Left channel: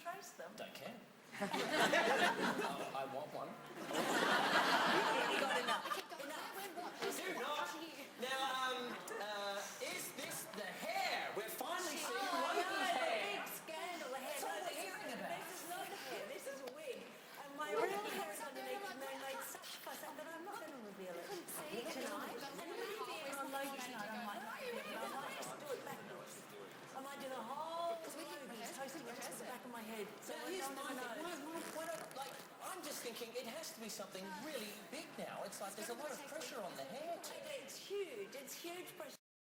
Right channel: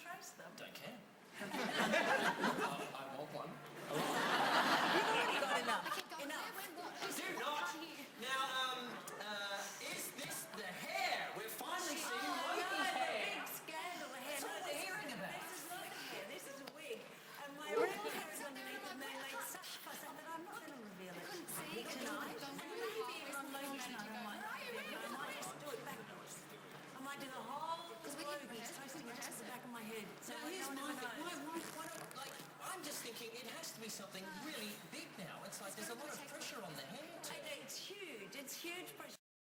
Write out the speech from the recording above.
trace them? Don't care. I want one. A lot. You've already got enough. Okay, go. Enough. Where, what? Do not. Can't hear you. Now, is this the hair? We're finally seeing Oh, Logan's no, hair. the big scandal. The hair. That's all we're this hearing about. This is not the hair. This is a wig. And my real hair is Out there, underneath, I'm and they like, made where? such fuss that I'm not going to reveal it couldn't see. tonight. Don't And worry, maybe where's on the floor Logi's manager night I going? might not Where are you? reveal it. I might just do it backwards. I might do the whole we can Logi's rehearse, toasting we it can just with the rehearse back of my head. So Now, no here's one my ever thing. knows. Why don't, like, I'm just thinking it has to be something really big now. It's like there's a lot of pressure on the hair to... It's huge. It's huge pressure.